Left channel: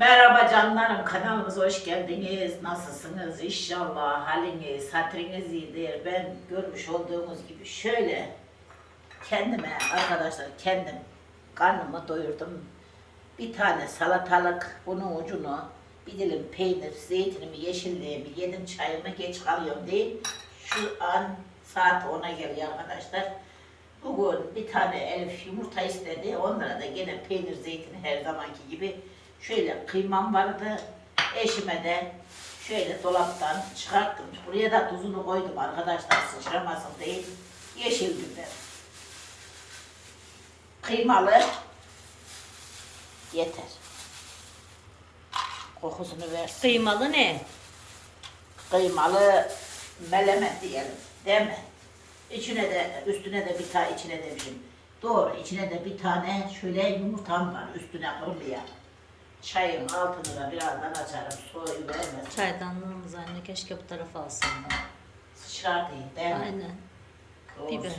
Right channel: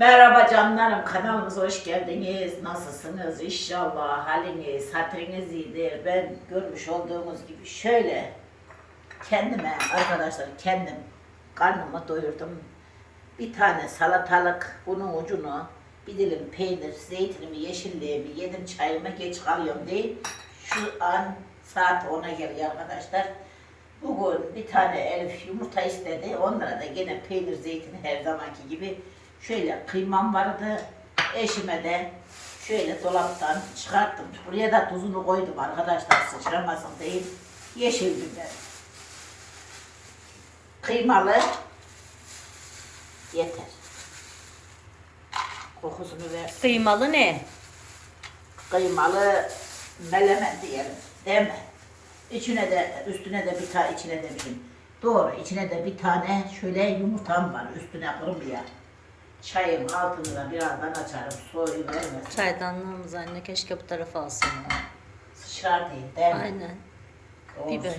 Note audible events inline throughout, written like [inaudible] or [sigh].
Merhaba canlarım, kanalımıza hoş geldiniz. Nasılsınız? İnşallah haliniz, hatırınız iyidir. Ben görmüş olduğunuz gibi şöyle kendime arkadaşlar kendim karnımı doyurdum. Bir tane salatalık, bunun ucunu, bir dilim peynir, zeytinimi, yeşilliğimi yedim, çayımı geç kalıyorum değil. Şu an saat 10'a geliyor arkadaşlar. Bugün bir tane Elif yumurta istedi. Onlara da gene peynir, zeytin her zamanki gibi. Şöyle kıymam vardı. Eşime de şöyle dolaptan çıkarttım. Buraya da tuzunu koydum arkadaşlar sıçramasın değil. Yeşil biber. Kıymalı. Yeter. Kokusunu versin. Kıymalı ne? Kıymalı meleme diyelim. Değil mi? İçine de üstüne de bir tane içine de bir Doğru içine de bir tane şöyle yumurtam var üstüne kırmaya. Çayın altını da birazdan açarım. Soyu vermesin. Çaydanlığımız anne keşke bu tarafa alsaydı. Sıçrar değil değil mi? Aynen. Doğru biber.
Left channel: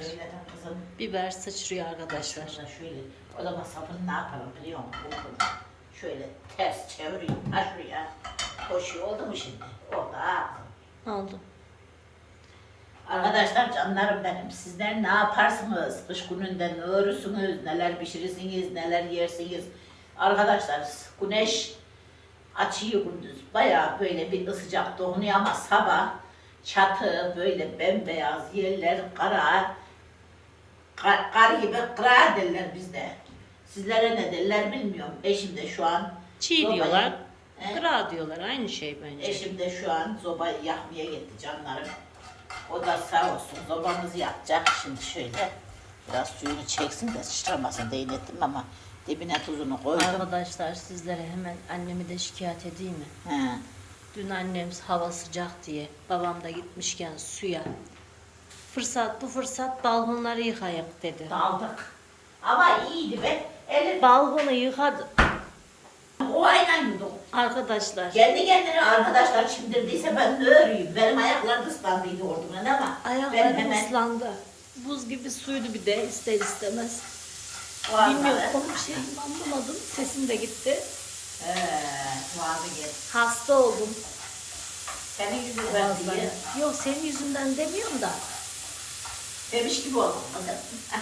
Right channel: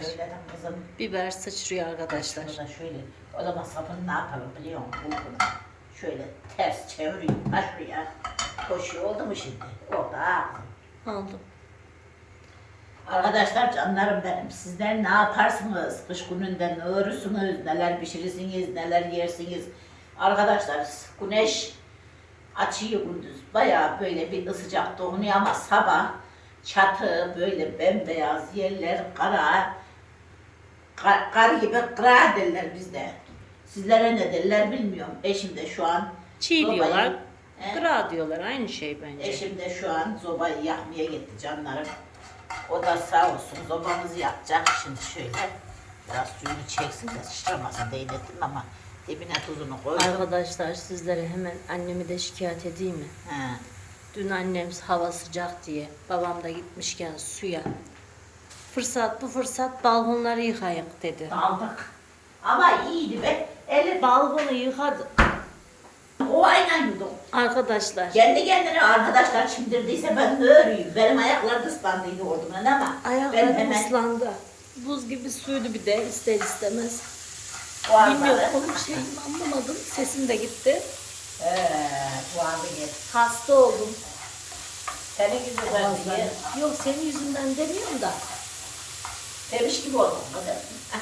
kızım. Biber sıçrıyor arkadaşlar. Şöyle. O zaman sapını ne yapalım biliyor musun? Bulgunu. Şöyle ters çevireyim. Ha şuraya. Koşuyor oldu mu şimdi? Orada. Oldu. Arkadaşlar canlarım benim. Sizler ne yaparsınız? Kış gününde ne örürsünüz? Neler pişirirsiniz? Neler yersiniz? Arkadaşlar güneş açıyor gündüz. Bayağı böyle bir sıcak dokunuyor ama sabah çatı böyle bembeyaz yerler kara kar, kar gibi kıra derler bizde. Sizlere ne derler bilmiyorum. Eşim de şu an Çiğ sobayı- diyorlar. He? Gra diyorlar. Aynı şey bence. Eşim de şu an zobayı yakmaya gitti canlarım. O da sağ olsun zobamızı yakacak. Şimdi şöyle biraz suyunu çeksin de sıçramasın değnettim ama dibine tuzunu koydum. Arkadaşlar sizlere hemen annemi de şikayet edeyim mi? He. Dün annem hava sıcak diye babam da gitmişken suya fırsat bu fırsat balkonları yıkayık dedi. Daldık. Ama iyiydi be. Eli Balkonu yıkadı. o aynen yudum. Arkadaşlar Kendi kendine arkadaşlar çimdirdiyse ben ne öreyim? Benim ayaklarım ıslandıydı ordundan ama ayaklarım hemen ıslandı. Buz gibi suydu bir de ister istemez. Boğazları- Bilmiyorum konuşayım anlamadım. Sesim de gitti. He, boğazı git. Hasta oldum. Senin yüzünden Boğazlarım. diye Yok senin yüzünden demiyorum da. demiş gibi oldum kızım. [laughs]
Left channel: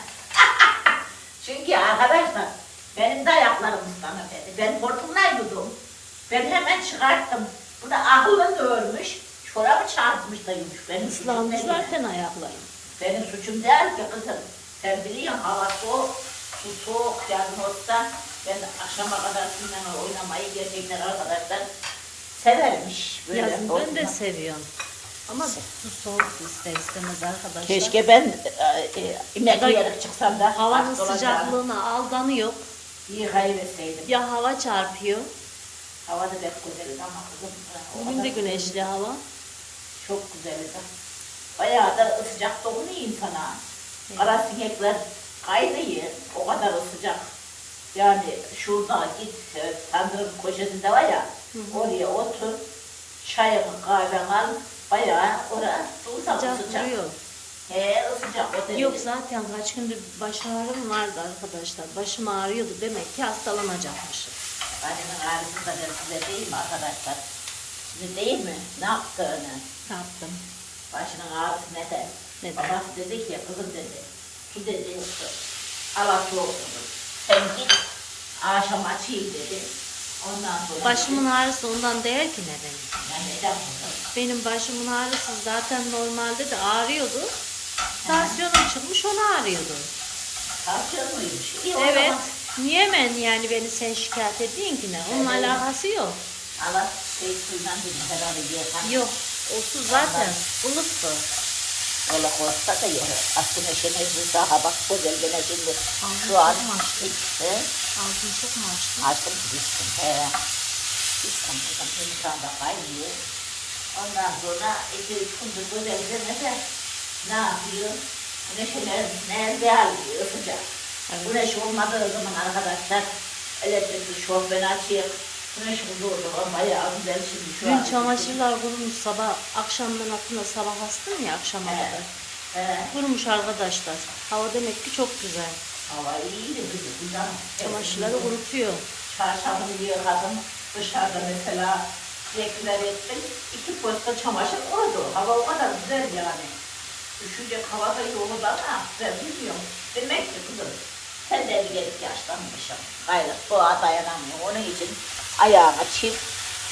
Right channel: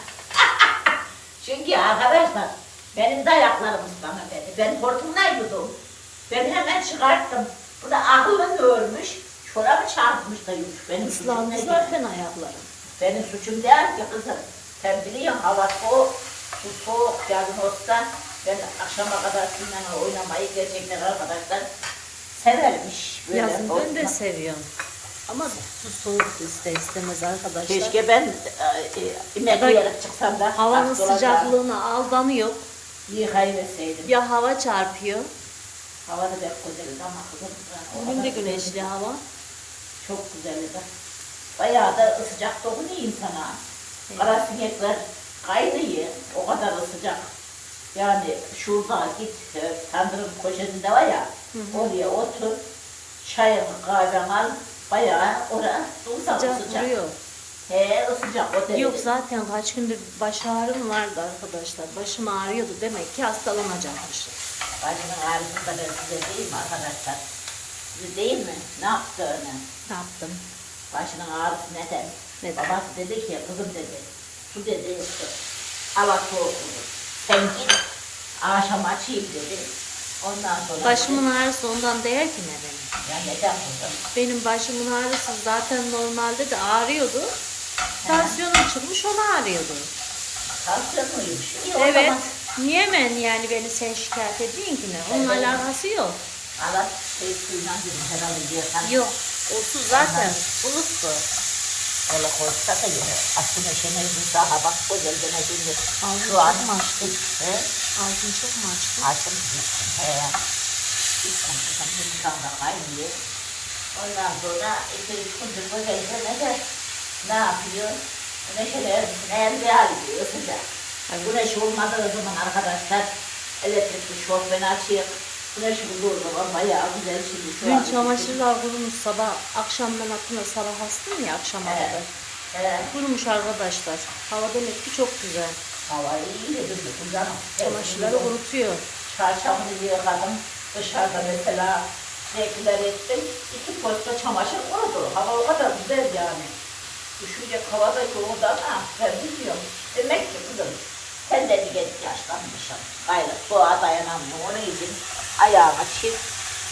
Çünkü arkadaşlar benim de ayaklarım ıslanır dedi. Ben hortumlaydım. Ben hemen çıkarttım. Bu da aklını örmüş. Çorabı çarpmış da yumuş. Benim suçum Islandı değil. zaten ayaklarım. Benim suçum değil ki kızım. Sen biliyorsun hava soğuk. Bu soğuk yazın olsa ben akşama kadar sizinle oynamayı gerçekten arkadaşlar severmiş. Böyle Yazın ben de seviyorum. Ama su soğuk ister istemez arkadaşlar. Keşke ben e, e, inek Ya da yiyerek çıksam da Havanın hasta olacağım. sıcaklığına aldanıyor. Yıkayıverseydim. Ya hava çarpıyor. Hava da pek güzeldi ama kızım. Bugün de güneşli hava. Çok güzeldi. Bayağı da sıcak dokunuyor insana. Evet. Kara sinekler kaynıyor. O kadar sıcak. Yani şurada git e, tandırın köşesinde var ya. Oraya otur. Çayını kahveni al. Bayağı orası sıcak Sıcak vuruyor. He sıcak o derece. Yok zaten kaç gündür baş ağrım vardı arkadaşlar. Başım ağrıyordu demek ki hastalanacakmışım. Bacının ağrısı da ben size mi arkadaşlar? Size değil mi? Ne yaptığını? Ne yaptım? Başının ağrısı neden? Neden? Babası dedi ki kızım dedi. Su dedi işte. Ala soğuk olur. Sen git akşam açayım dedi. Ondan sonra... Başımın ağrısı ondan değil ki ne benim. Ya neden kızım? Benim başımın ağrısı zaten normalde de ağrıyordu. Tansiyonum çıkmış ona ağrıyordu. İyi, o Evet. zaman Niye ben yani beni sen şikayet edeyim ki ne? Onun Evet. alakası yok. Ala şey suyla dedim herhalde diyorsan. Yok. O su zaten ılık Allah korksa da yok. Şimdi biz daha bak bu gölgene şimdi. Ağzını çok mu açtın? He? Ağzını çok mu açtın? Açtım düştüm. He. Düştüm. İnsan da kaynıyor. Ondan sonra iki üç gündür böyle üzerine de ne yapıyor? Güneşin erzine elde alıyor. Güneş olmadığı zaman arkadaşlar elektrikli şofben açıyor. Güneş bulduğu zaman bayağı güzel şimdi. Şu an- Dün çamaşırlar kurumuş sabah akşamdan attığında sabah astım ya akşama Evet. kadar. He. Kurumuş arkadaşlar. Hava demek ki çok güzel. Hava iyi de bizim bu canım. Çamaşırları kurutuyor. Çarşafını yıkadım. Dışarıda mesela renkler ettim. İki posta çamaşır oldu. Hava o kadar güzel yani. Düşecek havada yoğurdu ama ben bilmiyorum. Demek ki kızım sen de bir gelip yaşlanmışsın. Hayır soğuğa dayanamıyor. Onun için ayağıma çift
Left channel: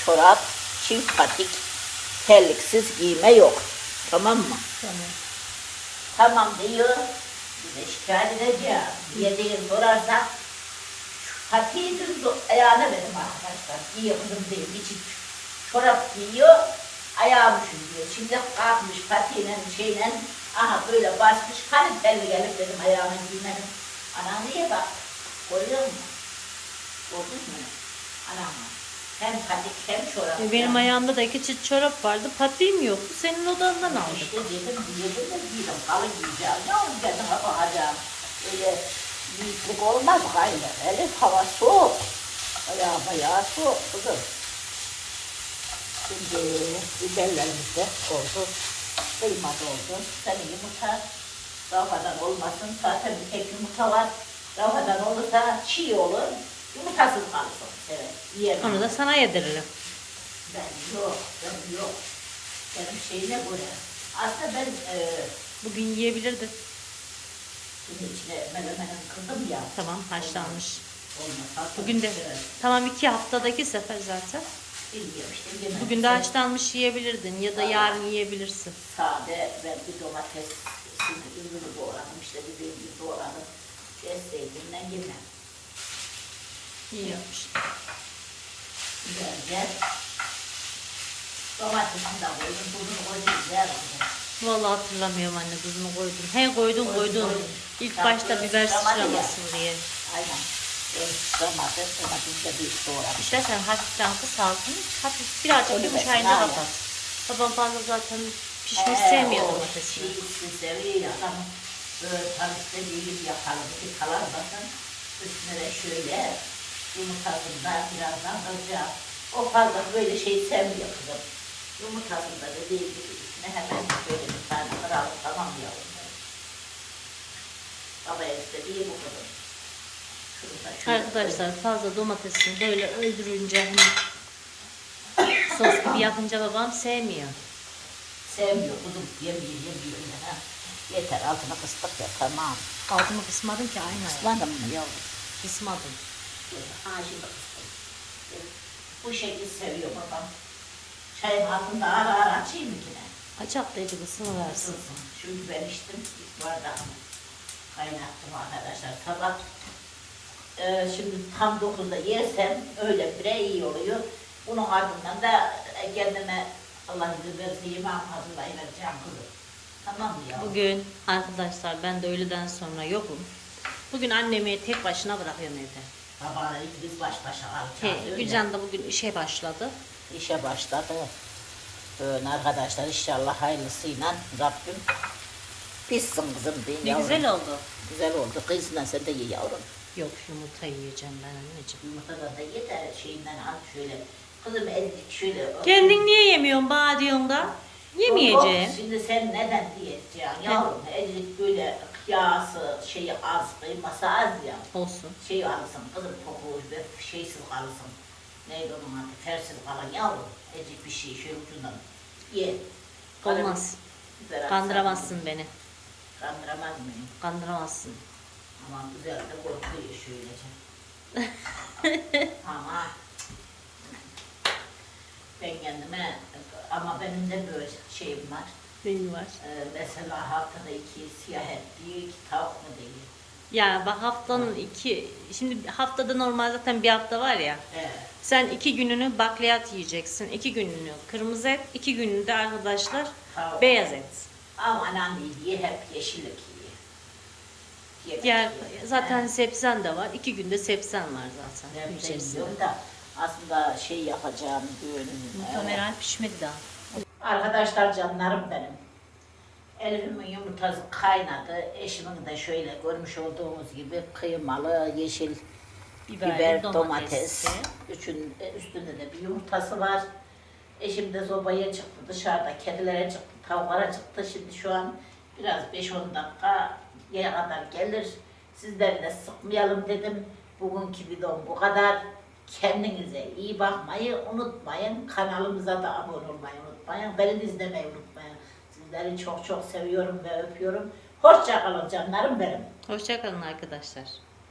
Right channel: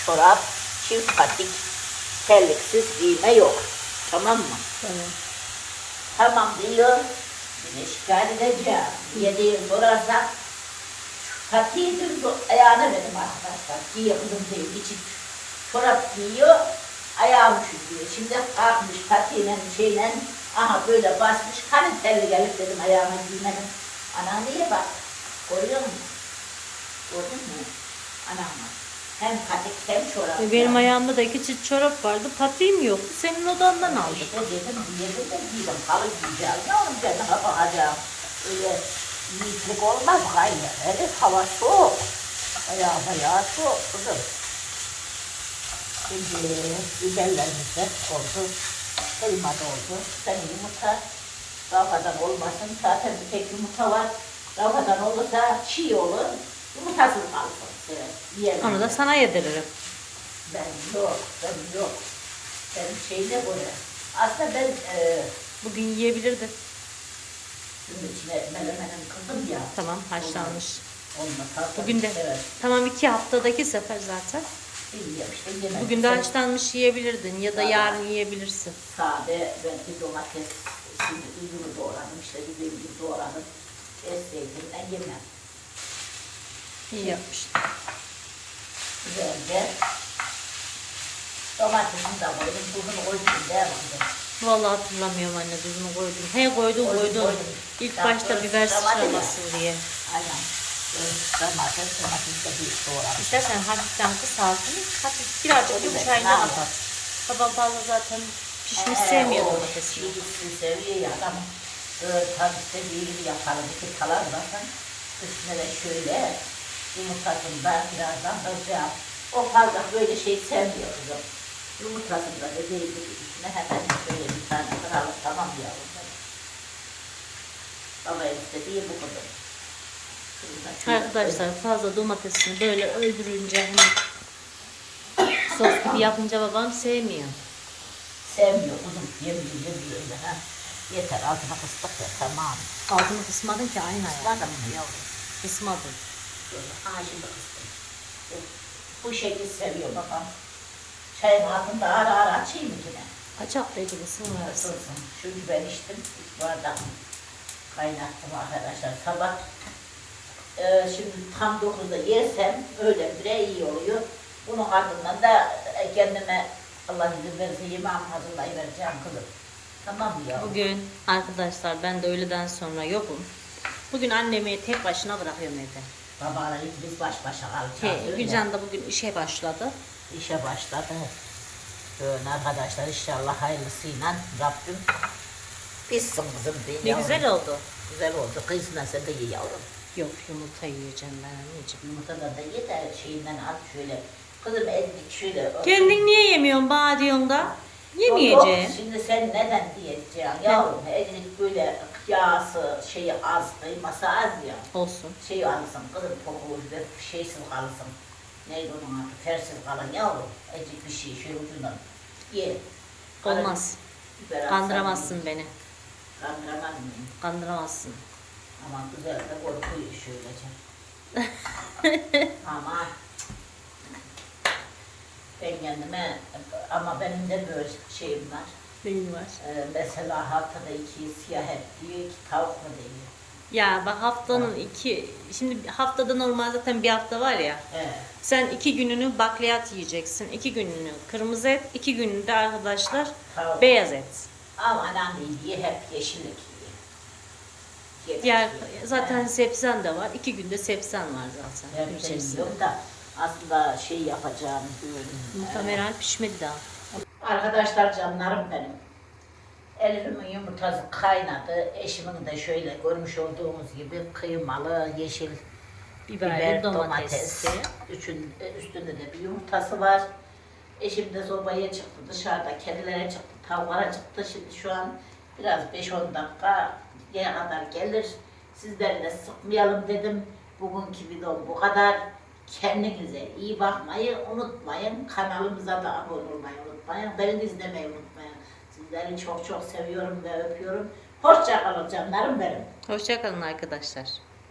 çorap, çift patik, terliksiz giyme yok. Tamam mı? Tamam. Tamam diyor. De şikayet edeceğim. Diye değil sorarsak. Patiği dün bu ayağına dedim arkadaşlar. Giyiyor kızım değil. İçi çorap giyiyor. Ayağını çiziyor. Şimdi kalkmış patiğine şeyle aha böyle basmış. Hani telli gelip dedim ayağıma giymenin. Ana niye bak? Görüyor musun? Gördün mü? Anam. Hem patik hem çorap. E, Benim ayağımda da iki çift çorap vardı. Patiğim yoktu. Senin odandan aldık. İşte dedim diyelim de giydim. Halı giyeceğim. Ne olacak daha bakacağım. Öyle yiğitlik olmaz gayrı. Evet hava soğuk. Ayağı bayağı soğuk kızım. Şimdi biberlerimiz de oldu. Kıyma da oldu. Sen yumurta rafadan olmasın. Zaten bir tek yumurta var. Rafadan olursa çiğ olur. Yumurtasız kalsın. Evet. Yiyemem. Onu da sana yediririm. Ben yok, ben yok. Benim şeyine göre. Aslında ben e, Bugün yiyebilirdin. bunun içine melemenim kırdım ya. Tamam haşlanmış. Olmasa Bugün de. Evet, Tamam iki haftadaki sefer zaten. bilmiyorum işte yemedim. Bugün de haşlanmış yiyebilirdin ya da yarın yiyebilirsin. Sade ben bir domates, şimdi üzümü doğradım işte bir bir doğradım. Esseydimden yemem. İyi yapmışsın. Güzelce. Domatesini de koydum, tuzunu koydum, ne koydum. Vallahi hatırlamıyorum anne tuzunu koydum. He koydun Koydum, koydun. koydum. İlk Ya, başta biber sıçramasın diye. Aynen. Domates, domates de bir doğradım. İstersen hafiften kıs altını, hafif birazcık yumuşayınca ben- kapat. Babam fazla zaten pişmiş Ee, sevmiyor domatesini. Çiğitsi seviyor ya adam. Böyle tabii bir yapalım. Bir kalan bakın. Üstüne de şöyle yumurtasını da birazdan koyacağım. O fazla böyle şey sevmiyor kızım. Yumurtasını da dediği gibi üstüne hemen böyle bir tane kıralım tamam yavrum. Baba istediği bu kadar. Arkadaşlar fazla domatesini böyle öldürünce hani sos gibi yapınca babam sevmiyor. Sevmiyor kuzum. Yemiyor yemiyor ha. Yeter altına fıstık ya tamam. Altını kısmadın ki aynı ayağı. Madem mı yavrum? Kısmadın. Böyle ağacın. Bu şekli seviyor babam. Çayın altında ara ara açayım mı yine? Açaktaydı kısmı versin. Isınsın. Çünkü ben içtim. Bir bardak kaynattım arkadaşlar sabah. Ee, şimdi tam 9'da yersen öyle bire iyi oluyor. Bunun ardından da e, kendime Allah izin verirse yemeğimi hazırlayıvereceğim kızım. Tamam mı yavrum? Bugün arkadaşlar ben de öğleden sonra yokum. Bugün annemi tek başına bırakıyorum evde. Babaları biz baş başa kalacağız. He. Gülcan da bugün işe başladı. işe başladı. Böyle arkadaşlar inşallah hayırlısıyla Rabbim bitsin kızım diye. Ne güzel oldu. Güzel oldu. Kızla sen de ye yavrum. Yok yumurta yiyeceğim ben anneciğim. Yumurtadan da ye de şeyinden al şöyle. Kızım ezdik şöyle. Kendin niye yemiyorsun bana diyorsun da? Yemeyeceğim. Yok, şimdi sen neden diyeceksin yavrum? Ezdik böyle yağsı şeyi az, kıyması az ya. Olsun. Şey alırsın kızım koku şeysiz kalırsın. Neydi onun adı? Tersiz kalan yavrum. Ezdik bir şey şöyle ucundan ye. Olmaz. Biber Kandıramazsın beni. Kandıramaz mıyım? Kandıramazsın. Ama güzel de korkuyor şöylece. [laughs] ama ben kendime ama benim de böyle şeyim var. Benim var. Ee, mesela haftada iki siyah et diyor, iki tavuk mu diyor. Ya bak haftanın iki, şimdi haftada normal zaten bir hafta var ya. Evet. Sen iki gününü bakliyat yiyeceksin. iki gününü kırmızı et, iki gününü de arkadaşlar Tavuk. beyaz et. Ama anam ye hep yeşillik yiyor. Yemek Diğer yiyor. zaten sebzen de var. İki günde sebzen var zaten gün içerisinde. sevmiyorum da aslında şey yapacağım düğün. Muhtemelen pişmedi daha. Arkadaşlar canlarım benim. Elimin yumurtası kaynadı. Eşimin de şöyle görmüş olduğunuz gibi kıymalı, yeşil Biberli, biber, domates. Üçün, e, üstünde de bir yumurtası var. Eşim de sobaya çıktı dışarıda. Kedilere çıktı, tavuklara çıktı. Şimdi şu an biraz 5-10 dakika yere kadar gelir. Sizleri de sıkmayalım dedim. Bugünkü videom bu kadar. Kendinize iyi bakmayı unutmayın. Kanalımıza da abone olmayı unutmayın. Beni izlemeyi unutmayın. Sizleri çok çok seviyorum ve öpüyorum. Hoşça kalın canlarım benim. Hoşçakalın arkadaşlar.